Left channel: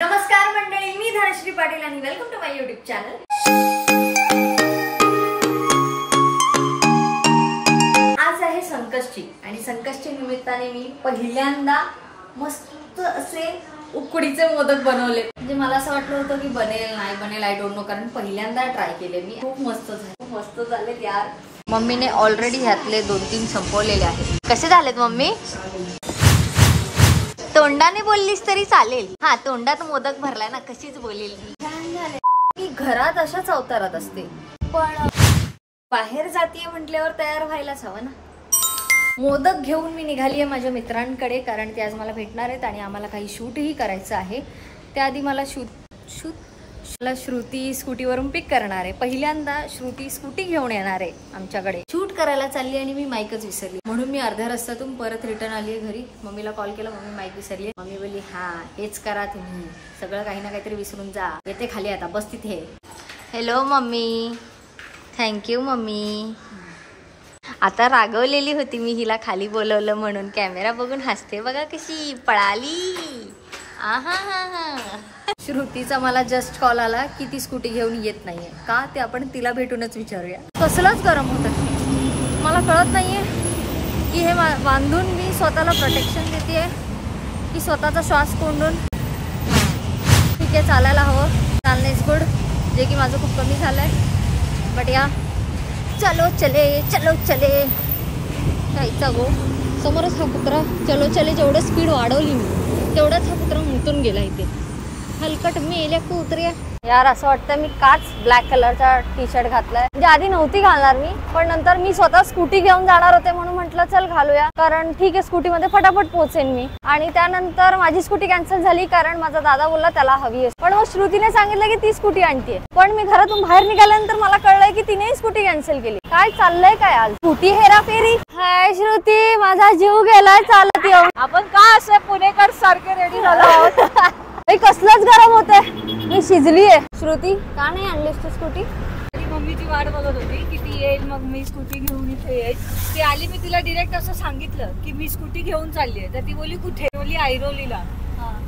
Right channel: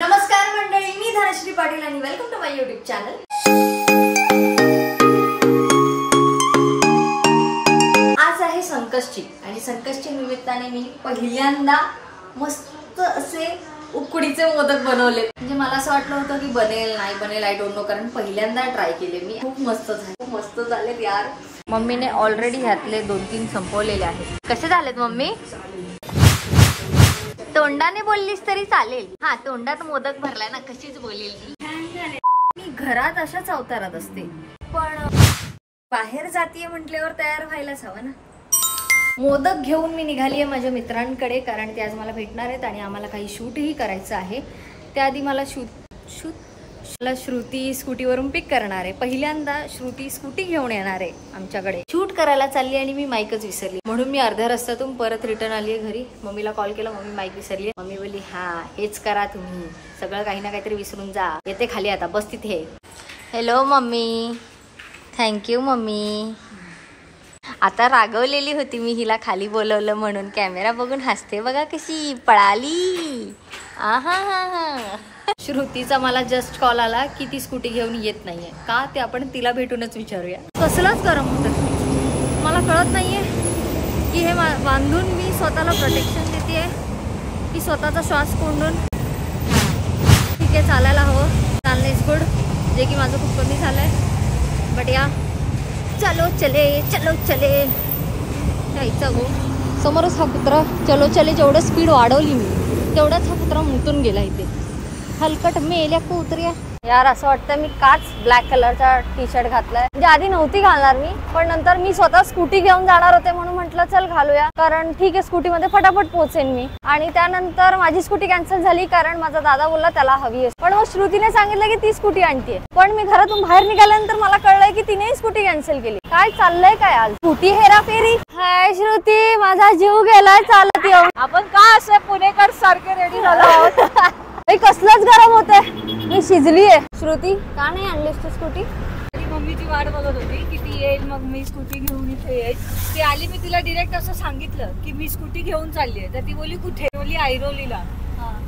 नमस्कार मंडळी, मी धनश्री पाटील आणि welcome to my YouTube channel. आज आहे संकष्टी आणि संकष्टी निमित्ताने मी पहिल्यांदा मस्त असे उकडीचे मोदक बनवले। म्हणजे मला असं वाटलं होतं की बनेल नाही बनेल आय डोंट नो, कारण पहिल्यांदा ट्राय केले मी। खूप मस्त झाले यार। मम्मीने ऑलरेडी ह्यातले 2-3 संपवलेले आहेत। कसे झालेत मम्मी? तोंडाने बोललीस तरी चालेल। हा, तोंडात मोदक भरलाय ना, कशीच बोलेल छान झाले। मी घरात अशाच अवतारात असते, पण बाहेर जातीये म्हटल्यावर तयार व्हायलाच हवं ना। मोदक घेऊन मी निघालीये माझ्या मित्रांकडे, कारण ते आज मला भेटणार आहेत आणि आम्हाला काही शूटही करायचं आहे। त्याआधी मला श्रुती स्कूटीवरून पिक करणार आहे। पहिल्यांदा श्रुती स्कूटी घेऊन येणार आहे आमच्याकडे। शूट करायला चालली आणि मी माईकच विसरली, म्हणून मी अर्ध्या रस्त्यातून परत रिटर्न आली आहे घरी। मम्मीला कॉल केला, मम्मी माईक विसरली। मम्मी बोलली हा हेच करा तुम्ही, सगळं काही ना काहीतरी विसरून जा। येते खाली आता, बस तिथे। Hello mummy, thank you mummy. आता रागवलेली होती मी हिला खाली बोलवलं म्हणून, कॅमेरा बघून हसते बघा कशी पळाली। आहा, श्रुतीचा मला जस्ट कॉल आला की ती स्कूटी घेऊन येत नाहीये का, ते आपण तिला भेटूनच विचारूया। कसलाच गरम होतं, मला कळत नाहीये की हे बांधून मी स्वतःला प्रोटेक्शन देते की स्वतःचा श्वास कोंडून। ठीक आहे, चालायला हवं, चालणे इज गुड, जे की माझं खूप कमी झालंय। बट या चलो चले जायचा गो। समोरच हा कुत्रा चलो चले, जेवढं स्पीड वाढवली मी तेवढाच हा कुत्रा मुतून गेला इथे। हलकट मेल्या कुत्र्या यार। असं वाटतं मी काच ब्लॅक कलरचा टी शर्ट घातलाय, म्हणजे आधी नव्हती घालणार मी, पण नंतर मी स्वतः स्कूटी घेऊन जाणार होते म्हणून म्हटलं चल घालूया, कारण ठीक आहे स्कूटी मध्ये फटाफट पोहोचेन मी। आणि त्यानंतर माझी स्कूटी कॅन्सल झाली, कारण माझा दादा बोलला त्याला हवी आहे। पण मग श्रुतीने सांगितलं की ती स्कूटी आणतीये, पण मी घरातून बाहेर निघाल्यानंतर मला कळलंय की तिनेही स्कूटी कॅन्सल केली। काय चाललंय काय आज? स्कूटी हेराफेरी। हाय श्रुती, माझा जीव गेलाय चालत येऊन। आपण का असे पुणेकर सारखे रेडी झालो आहोत? कसलंच गरम होतंय, मी शिजलीये। श्रुती का नाही आणलीस तू स्कूटी? मम्मीची वाट बघत होती की ती येईल, मग मी स्कूटी घेऊन इथे येईल। ती आली, मी तिला डिरेक्ट असं सांगितलं की मी स्कूटी घेऊन चालली आहे। तर ती बोलली कुठे? बोलली ऐरोलीला।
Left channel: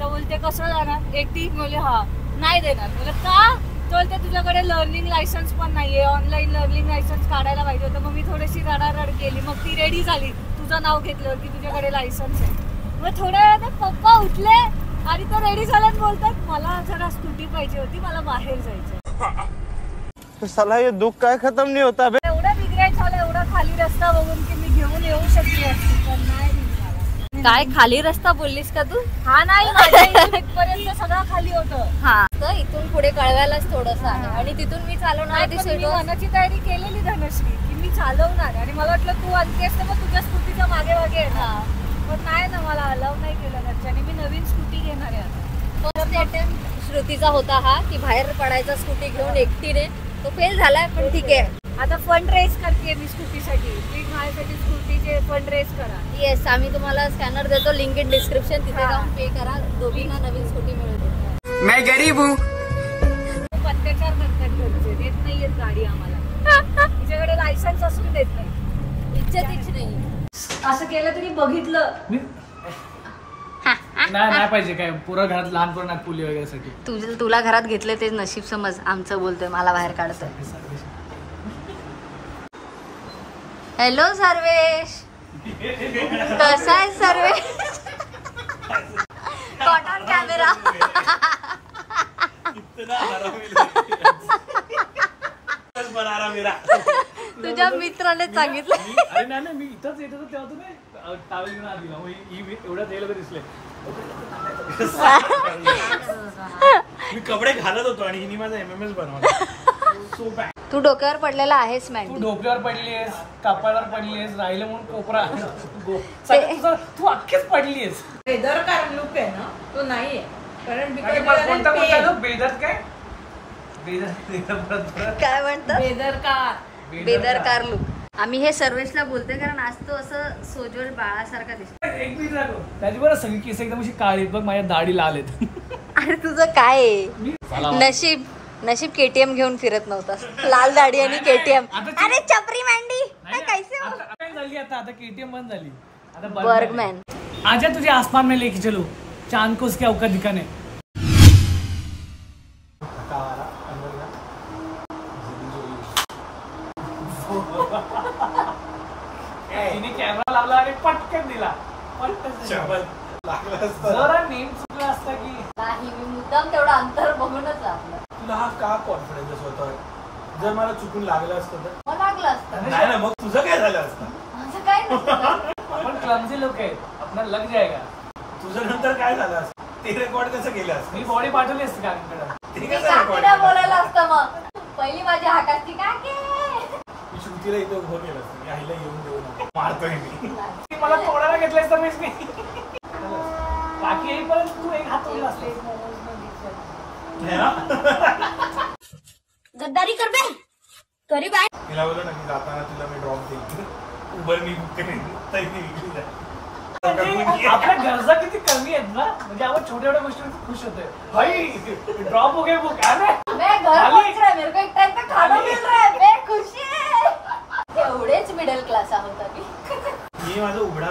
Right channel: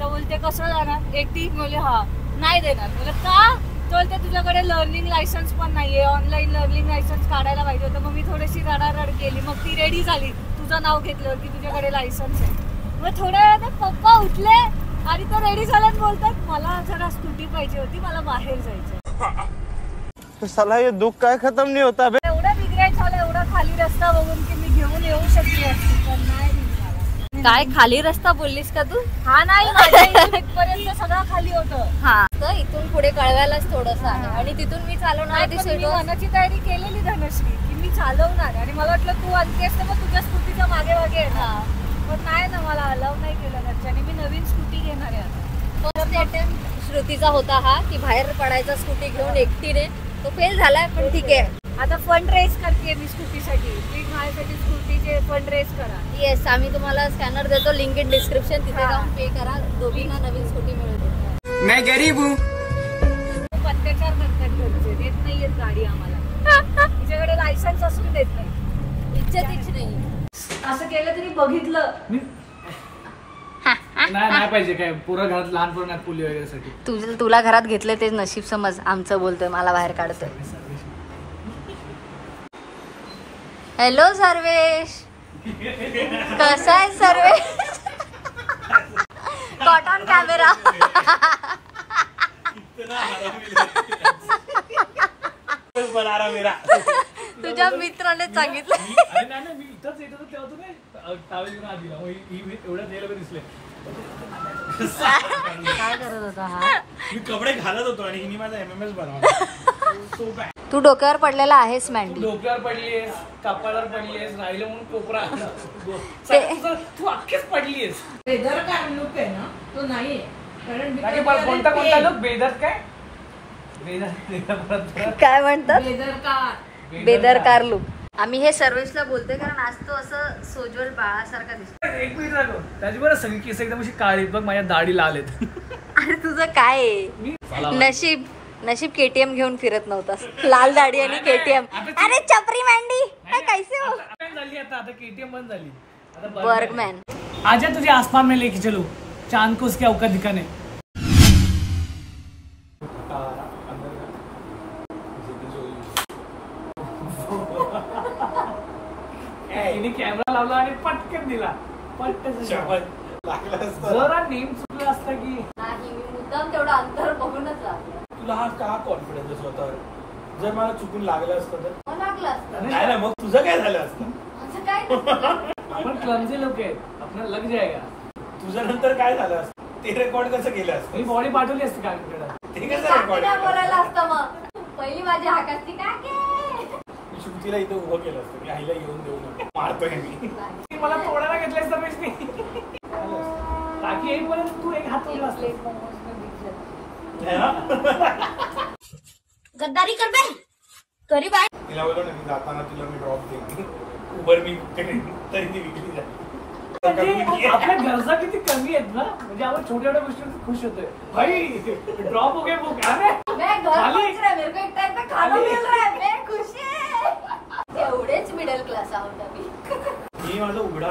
तर बोलते कसं जाणार एकटी? बोलले हा नाही देणार। बोलले का? बोलते तुझ्याकडे लर्निंग लायसन्स पण नाहीये, ऑनलाईन लर्निंग लायसन्स काढायला पाहिजे होतं। मग मी थोडीशी रडारड केली, मग ती रेडी झाली तुझं नाव घेतलं की तुझ्याकडे लायसन्स आहे। मग थोड्या वेळात पप्पा उठले आणि तो रेडी झाल्यात, बोलतात मला जरा स्कूटी पाहिजे होती, मला बाहेर जायचं। साला ये दुःख काय खतम नाही होता बे। एवढं रिग्रेट झालं, एवढा खाली रस्ता बघून की मी घेऊन येऊ शकली असती, पण नाही निघाला। काय खाली रस्ता बोललीस का तू? हा नाही, माझ्या इथपर्यंत सगळं खाली होतं। हा, तर इथून पुढे कळवायलाच थोडंसं आहे आणि तिथून मी चालवणार होती। मी मनाची तयारी केलेली धनश्री की मी चालवणार, आणि मला वाटलं तू आणतेस तर मग तुझ्या स्कूटीच्या मागे मागे येणार, पण नाही ना, मला अलाव नाही केलं घरच्याने। मी नवीन स्कूटी घेणार आहे आता। फर्स्ट अटेम्प्ट श्रुतीचा होता हा की बाहेर पडायचा स्कूटी घेऊन एकटीने, तो फेल झालाय, पण ठीक आहे। आता फंड रेस करते मी स्कूटीसाठी, प्लीज माझ्यासाठी स्कूटीचे फंड रेस करा। येस, आम्ही तुम्हाला स्कॅनर देतो, लिंक इन डिस्क्रिप्शन, तिथे जाऊन पे करा, दोघींना नवीन स्कूटी मिळते। मैं गरीब हूँ। अत्याचार करतात घरचे, देत नाहीयेत गाडी आम्हाला। तिच्याकडे लायसन्स असून देत नाही, इज्जतीच नाही। असं केलं तरी बघितलं नाही पाहिजे काय, पुरं घरात लहान पोरं नाही पुली वगैरे साठी। तुला घरात घेतले ते नशीब समज, आमचं बोलतोय मला बाहेर काढतोय। हॅलो सर्वेश, कसा आहे सर्वेश? Caught on camera. तुझ्या मित्राने सांगितलं। मी इथंच येत होतो तेव्हा तुम्ही टावेल घेऊन आधी एवढ्या वेळेला दिसले। मी कपडे घालत होतो आणि हिने माझा MMS बनवला। तू डोक्यावर पडलेला आहेस मॅन्डी, डोक्यावर पडलीयस, कपाळावर पडलीयस, राहिलं म्हणून कोपरा तू अख्खीच पडलीयस। बेदरकार लुक आहे ना तो नाहीये, कारण कोणता लुक? बेदर काय काय म्हणतात? बेदरकार लुक। आम्ही हे सर्वेशला बोलते कारण आज तो असं सोजवळ बाळासारखा दिसतो। एक मिनिट लागो, त्याची बरं सगळी केस एकदम अशी काळी, बघ माझ्या दाढी लाल आहेत। अरे तुझं काय नशीब KTM घेऊन फिरत नव्हतास, लाल दाढी आणि KTM। अरे चपरी मॅन्डी कैसे हो? आता KTM बंद झाली, आता बर्गमॅन। आजा तुझे आसमान में लेके चलो, चांद को उसकी औकात दिखाने। तिने कॅमेरा लावला आणि पटकन दिला. पटकन जरा नेम चुकलं असतं की नाही. मी मुद्दाम तेवढं अंतर बघूनच लागलं. तुला हा का कॉन्फिडन्स स्वतः? जर मला चुकून लागलं असतं तर मग लागलं असतं. नाही ना, मग तुझं काय झालं असतं? असं काय नसतं. आपण क्लमझी लोक आहेत, आपल्याला लग जाएगा. तुझं नंतर काय झालं असतं? ते रेकॉर्ड कसं केलं असतं? मी बॉडी पाठवली असते काकीकडे. ते मी कसं काकीला रेकॉर्ड? बोलायला असतं मग. पहिली माझी हाकाची काकी. मी श्रुतीला इथं उभं केलं असतं. मी आईला येऊन देऊ नका, मारतोय मी. मला तोडायला घेतलंय तर मी काकी येईपर्यंत तू एक हात तोडला असले. नाही ना? गद्दारी कर बे. तरी बाय. तिला बोललो ना, मी जाताना तुला मी ड्रॉप देईन. उबर मी बुक करेन, तरी मी विकली जाईल. म्हणजे आपल्या गरजा किती कमी आहेत ना, म्हणजे आपण छोट्या छोट्या गोष्टी खुश होतोय. भाई ड्रॉप हो गए बुक. मैं घर पहुंच रहा है, मेरे को एक टाइम का खाना मिल रहा है, मैं खुश आहे. एवढेच मिडल क्लास आहोत आम्ही. मी माझं उघडा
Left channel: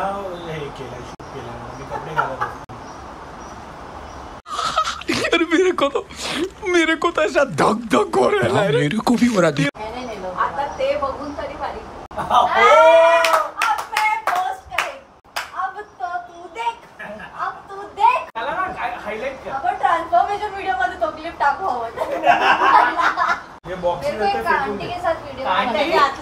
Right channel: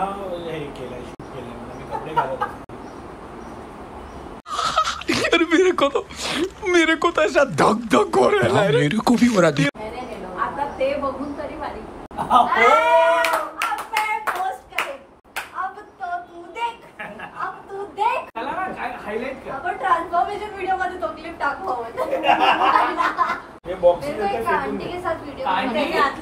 हे केलंय, शूट केलंय. मी कपडे घालत असतो. यार मेरे को तो ऐसा धक धक हो रहा है. मेरे को भी हो रहा है. आता ते बघून तरी भारी. अब मैं पोस्ट करेन. अब तो तू देख. अब तू देख. त्याला ना काय हायलाइट कर. आपण ट्रान्सफॉर्मेशन वीडियो मध्ये तो क्लिप टाकू हवं. हे बॉक्स मेरे को एक कांटी के साथ वीडियो कांटी के साथ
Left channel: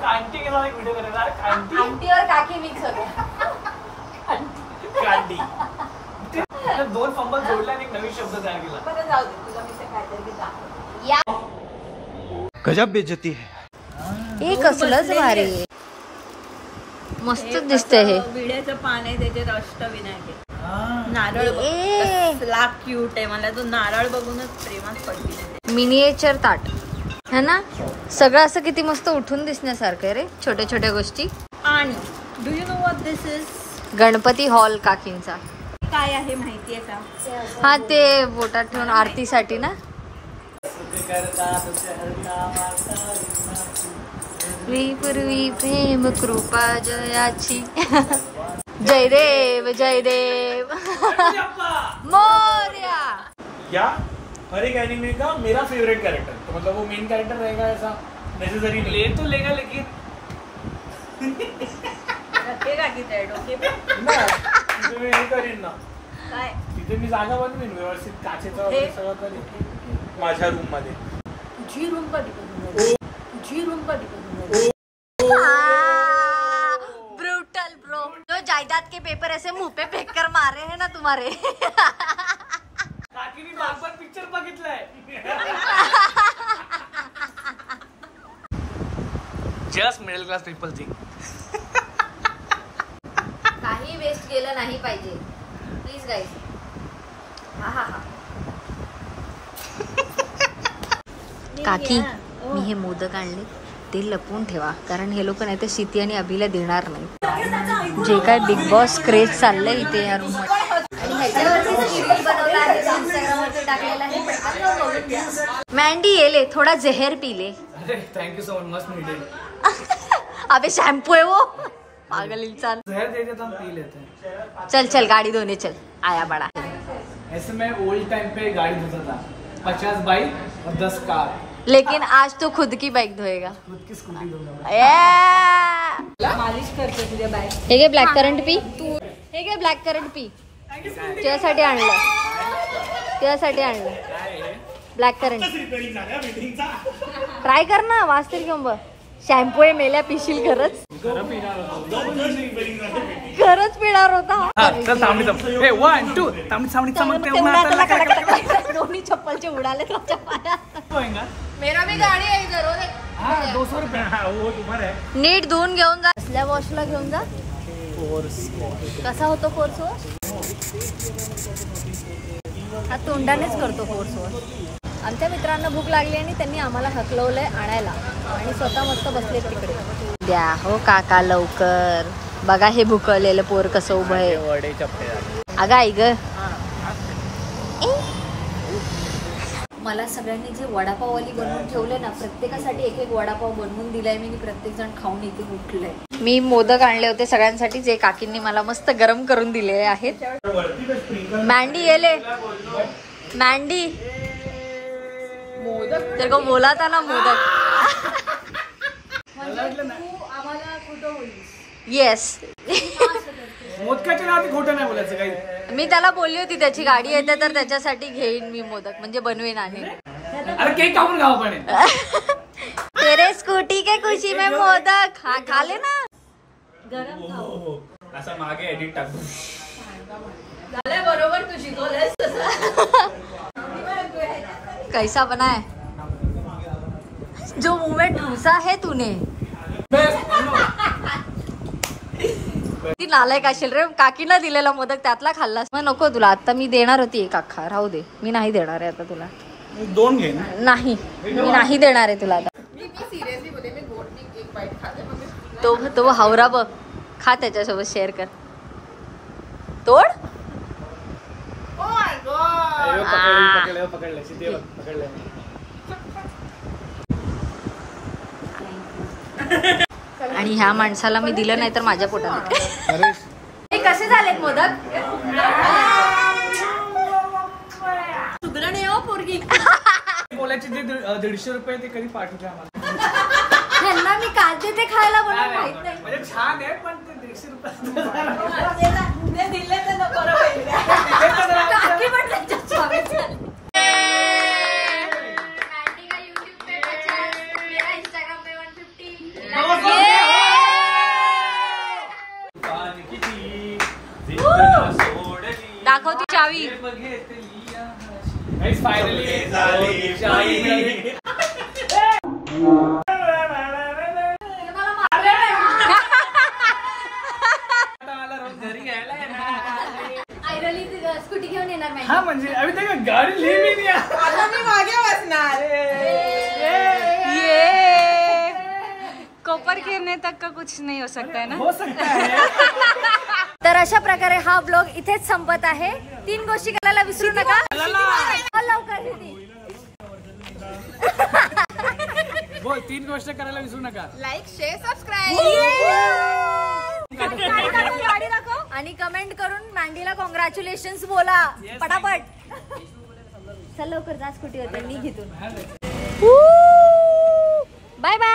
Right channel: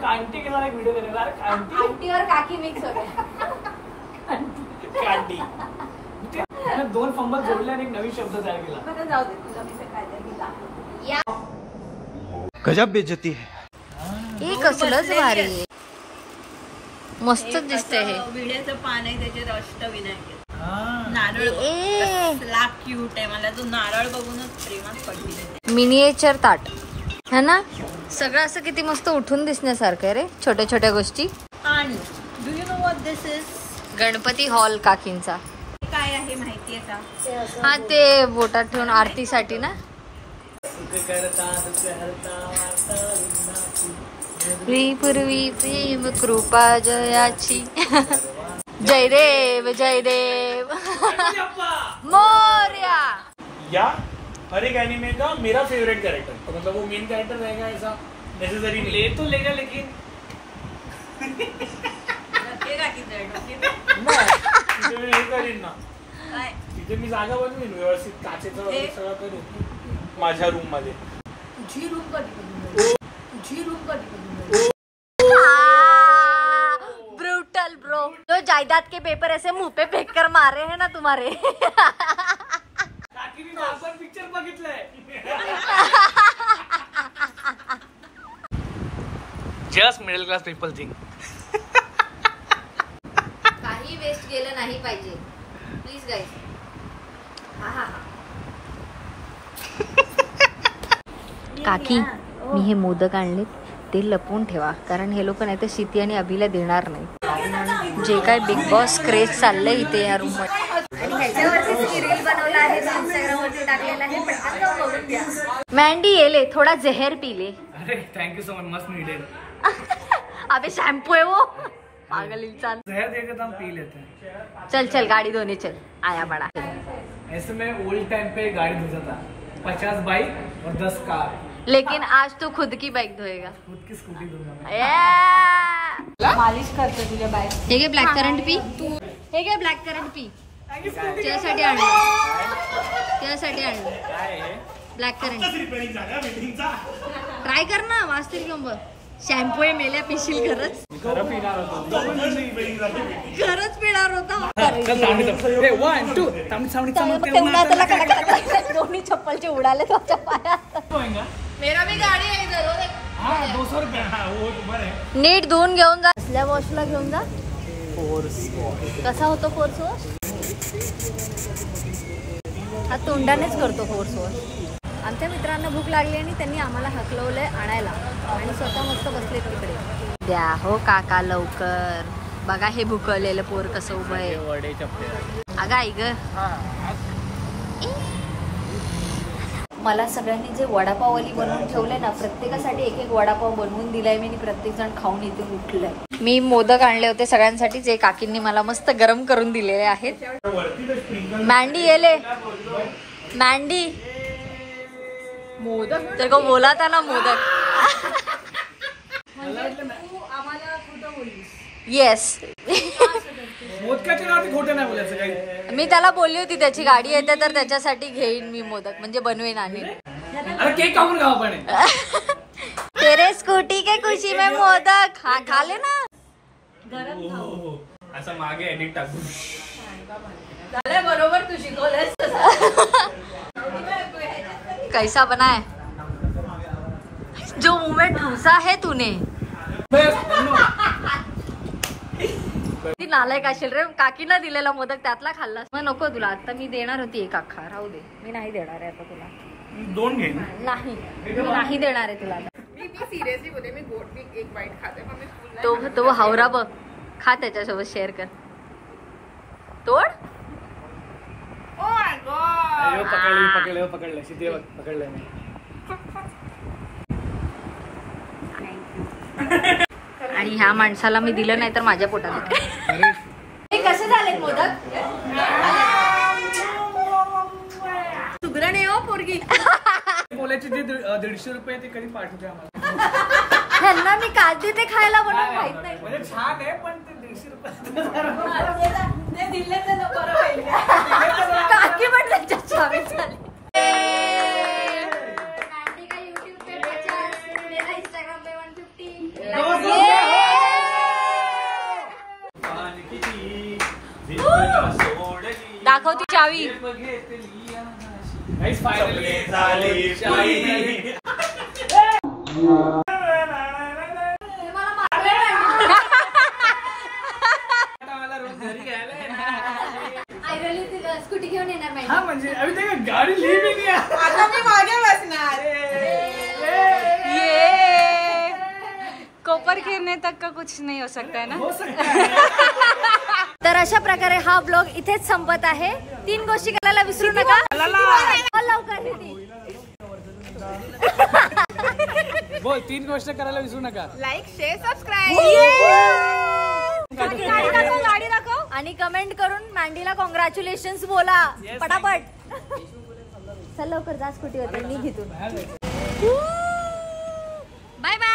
कांटी के साथ एक वीडियो करेगा. कांटी आंटी और काकी मिक्स हो गया. कांडी. दोन फंबल जोडले आणि एक नवीन शब्द तयार केला. बरं जाऊ दे, तुला मी काहीतरी घेता. या गजब बेइज्जती है. हे कसलंच भारी आहे. मस्त दिसतंय हे. विड्याचं पान आहे, त्याच्यात अष्टविनायक आहे. नारळ क्यूट आहे. मला तो नारळ बघूनच प्रेमात पडली. मिनिएचर ताट है ना. सगळं असं किती मस्त उठून दिसण्यासारखं आहे रे. छोट्या छोट्या गोष्टी. आणि do you know what this is? Ganpati hall काकींचा. काय आहे माहितीये का? हा ते बोटात ठेवून आरतीसाठी ना. पूर्वी प्रेम कृपा जयाची. जय देव जय देव मोरया. या हर एक एनिमे का मेरा फेवरेट कैरेक्टर, तो मतलब वो मेन कैरेक्टर रहेगा ऐसा नेसेसरी नहीं. ले तू लेगा लेकिन रखेगा की त्या डोक्यात? तिथे मी हे करीन ना, काय? तिथे मी जागा बनवीन व्यवस्थित, काचेचं वगैरे सगळं करीन माझ्या रूम मध्ये. तुझी रूम कधी कधी तुझी रूम कधी कधी ब्रूटल ब्रो. जो जायदाद के पेपर ऐसे मुंह पे फेंक कर मारे हैं ना तुम्हारे. काकीने आपण पिक्चर बघितलंय. Just middle class people think. काही वेस्ट गेलं नाही पाहिजे प्लीज गाईज. हा हा हा. काकी मी हे मोदक आणले ते लपवून ठेवा, कारण हे लोक नाही तर शिती आणि अभिला देणार नाही. जे काय बिग बॉस क्रेज चाललंय इथे या रूम मध्ये. आणि ह्याच्यावरती रील बनवला आहे, इंस्टाग्राम वरती टाकलेला आहे. पटकन जाऊन बघून घ्या. मँडी येले थोडा जहर पी ले. अरे thank you so much, must needed. अबे शैम्पू है वो. पागल इंसान. जहर देके तो हम पी लेते हैं. चल चल गाड़ी धोने चल. आया बड़ा. ऐसे मैं ओल्ड टाइम पे गाड़ी धोता था. 50 बाइक और 10 कार. लेकिन आज तो खुद की बाइक धोएगा. खुद की स्कूटी धोऊंगा. मालिश करते तुझ्या बाहेर. हे घे ब्लॅक करंट पी. हे घे ब्लॅक करंट पी. त्यासाठी आणलं, त्यासाठी आणलं ब्लॅक करंट. ट्राय कर ना, वाच तरी घेऊन बघ. शॅम्पू आहे मेल्या पिशील. खरंच खरंच पिणार होता. दोन्ही चप्पलचे उडाले त्याच्या पायात. मेरा भी गाडी आहे इधर. 200 रुपये. नीट धुवून घेऊन जा. असल्या वॉशला घेऊन जा. कसा होतो फोर्स वॉश? हा तोंडानेच करतो फोर्स वॉश. आमच्या मित्रांना भूक लागली आणि त्यांनी आम्हाला हकलवलंय आणायला आणि स्वतः मस्त बसलेत तिकडे. द्या हो काका लवकर. बघा हे भुकळलेलं पोर कसं उभं आहे. अगं आई ग. मला सगळ्यांनी जे वडापाववाली बनवून ठेवले ना, प्रत्येकासाठी एक एक वडापाव बनवून दिलाय मी आणि प्रत्येक जण खाऊन इथे उठलंय. मी मोदक आणले होते सगळ्यांसाठी, जे काकींनी मला मस्त गरम करून दिलेले आहेत. मँडी येले. मँडी मोदक तेरे को बोला था ना मोदक. आम्हाला खोटं बोललीस. येस. मोदकाच्या नावात खोटं नाही बोलायचं काही. मी त्याला बोलली होती त्याची गाडी येते तर त्याच्यासाठी घेईन मी मोदक, म्हणजे बनवेन आणि अरे केक कापून खाऊ पण. तेरे स्कूटी के खुशी में मोदक खा ले ना. गरम खाऊ. असं मागे एडिट टाकू. बरोबर तू शिकवलंस. कैसा बना है जो मुंह में ठूसा है तूने. ती नालायक असेल रे, काकीनं दिलेला मोदक त्यातला खाल्लास. मग नको तुला, आता मी देणार होती एक अख्खा, राहू दे. मी नाही देणार आहे आता तुला. 2 घे. नाही, मी नाही देणार आहे तुला आता. तो हावरा बघ, खा त्याच्यासोबत शेअर कर. तोड. आणि ह्या माणसाला मी दिलं नाही तर माझ्या पोटात. कसे झालेत मोदक? सुग्रण आहे हो पोरगी. बोलायचे जे 150 रुपये ते कधी पाठवते आम्हाला. ह्यांना मी काय देते खायला बनवून माहित नाही. म्हणजे छान आहे पण ते 150 रुपये काकी पण त्यांच्या छावे झाली. दाखव ती चावी. स्कूटी घेऊन येणार माहिती. हा म्हणजे अभी तक गाडी ली भी नहीं. आता मी मागे बसणार. कोपर गिरने तक का कुछ नहीं हो सकता है ना. हो सकता है. तर अशा प्रकारे हा ब्लॉग इथेच संपत आहे. 3 गोष्टी करायला विसरू नका. लवकर बोल 3 गोष्ट करायला विसरू नका. Like, share, subscribe. गाडी दाखव आणि कमेंट करून मँडीला कॉंग्रॅच्युलेशन्स बोला पटापट. चल लवकर जा स्कूटीवर, मी घेतो. Bye bye.